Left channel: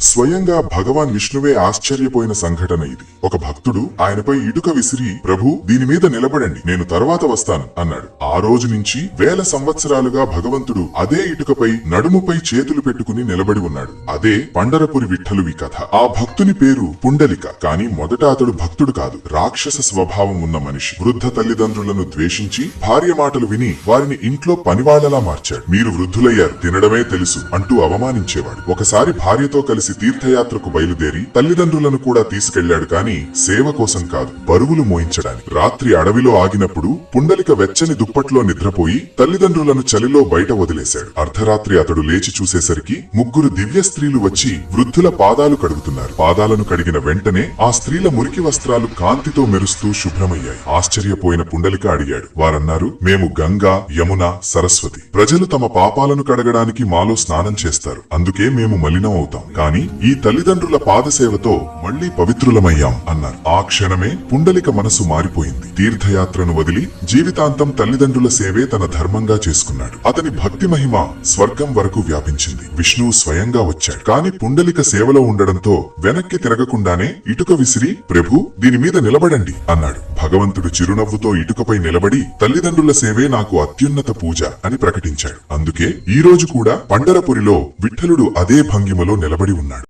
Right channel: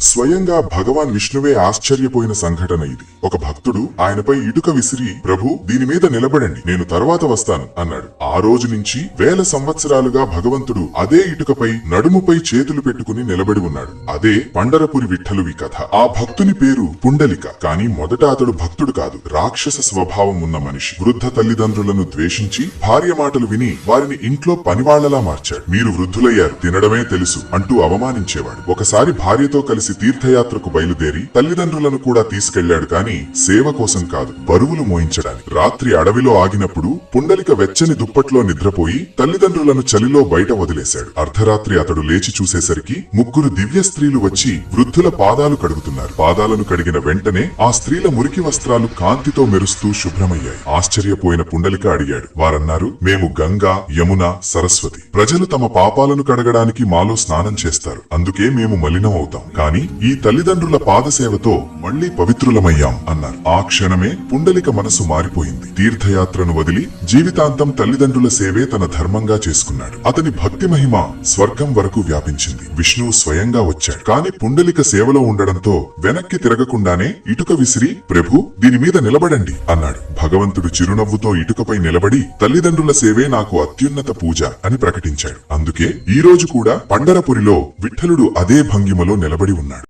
స్వయంగా భగవాన్ విష్ణువే ఆశ్చర్యపోయిన సంఘటన ఇది. ఒక భక్తుడు ఆయనపై ఇటుక విసిరి, ప్రభు దీని మీద నిలబడండి, నేను తరువాత వస్తాను అన్నాడు. ఆ రోజు నుంచి వేల సంవత్సరాలుగా భగవంతుడు అదే ఇటుకపై నడుముపై చేతులు పెట్టుకుని నిలబడి ఉన్నాడు. అదే పండరపురి విఠలువి కథ. ఆ భక్తుని పేరు పుండలిక. కాని మొదట అతడు భక్తుడు కాదు, రాక్షస స్వభావం ఉన్న మనిషి. వృద్ధ తల్లిదండ్రులను ద్వేషించి భార్య మాటలు విని వారిని ఇంట్లో పనివాళ్లలా మార్చాడు. మీరు వృద్ధులయ్యారు, తినడమే తెలుసు అంటూ అవమానించేవాడు. ఒకసారి భార్యతో కలిసి తీర్థయాత్రకు బయలుదేరి తల్లిదండ్రులను కూడా తీసుకెళ్లాడు. కాని సేవ కోసం కాదు, బరువులు మోయించడానికి. రాత్రి అడవిలో ఆగినప్పుడు పుండలిక వెచ్చని దుప్పట్లో నిద్రపోయి తల్లిదండ్రులను చలిలో బయట వదిలేశాడు. అర్ధరాత్రి అతడు లేచి చూసేసరికి ముగ్గురు దివ్య స్త్రీలు వచ్చి వృద్ధుల పాదాలు కడుగుతున్నారు. పాదాలను కడిగిన వెంటనే ఆ స్త్రీల మురికి వస్త్రాలు కాంతితో మెరుస్తూ శుభ్రమయ్యాయి. ఆశ్చర్యపోయిన పుండలిక అడిగాడు. వారన్నారు, మేము గంగా, యమున, సరస్వతి. ప్రజలు తమ పాపాలను కడగడానికి మాలో స్నానం చేస్తారు, అందుకే మేము మలినం అవుతాం. కాని ఈ తల్లిదండ్రుల పాదసేవతో మళ్లీ పవిత్రులమయ్యాం అన్నారు. ఆ క్షణమే పుండలిక మనసు మారిపోయింది. తీర్థయాత్రను వదిలి జీవితాంతం తల్లిదండ్రుల సేవే తన ధర్మంగా చేసుకున్నాడు. అతని భక్తి మహిమ స్వర్గం వరకు వ్యాపించింది. విష్ణువు స్వయంగా వచ్చాడు. కాని పుండలిక సేవలో ఉండడంతో వెనక్కి తిరగకుండానే ఇటుక విసిరి, ప్రభు దీని మీద నిలబడండి అన్నాడు. భగవంతుడు చిరునవ్వుతో ఇటుకపై నిలబడి, తల్లిదండ్రుల సేవే నాకు అత్యున్నత పూజ అని ప్రకటించాడు. అందుకే ఈ రోజు కూడా పండరపురిలో విఠలుడు అదే భంగిమలో నిలబడి ఉన్నాడు.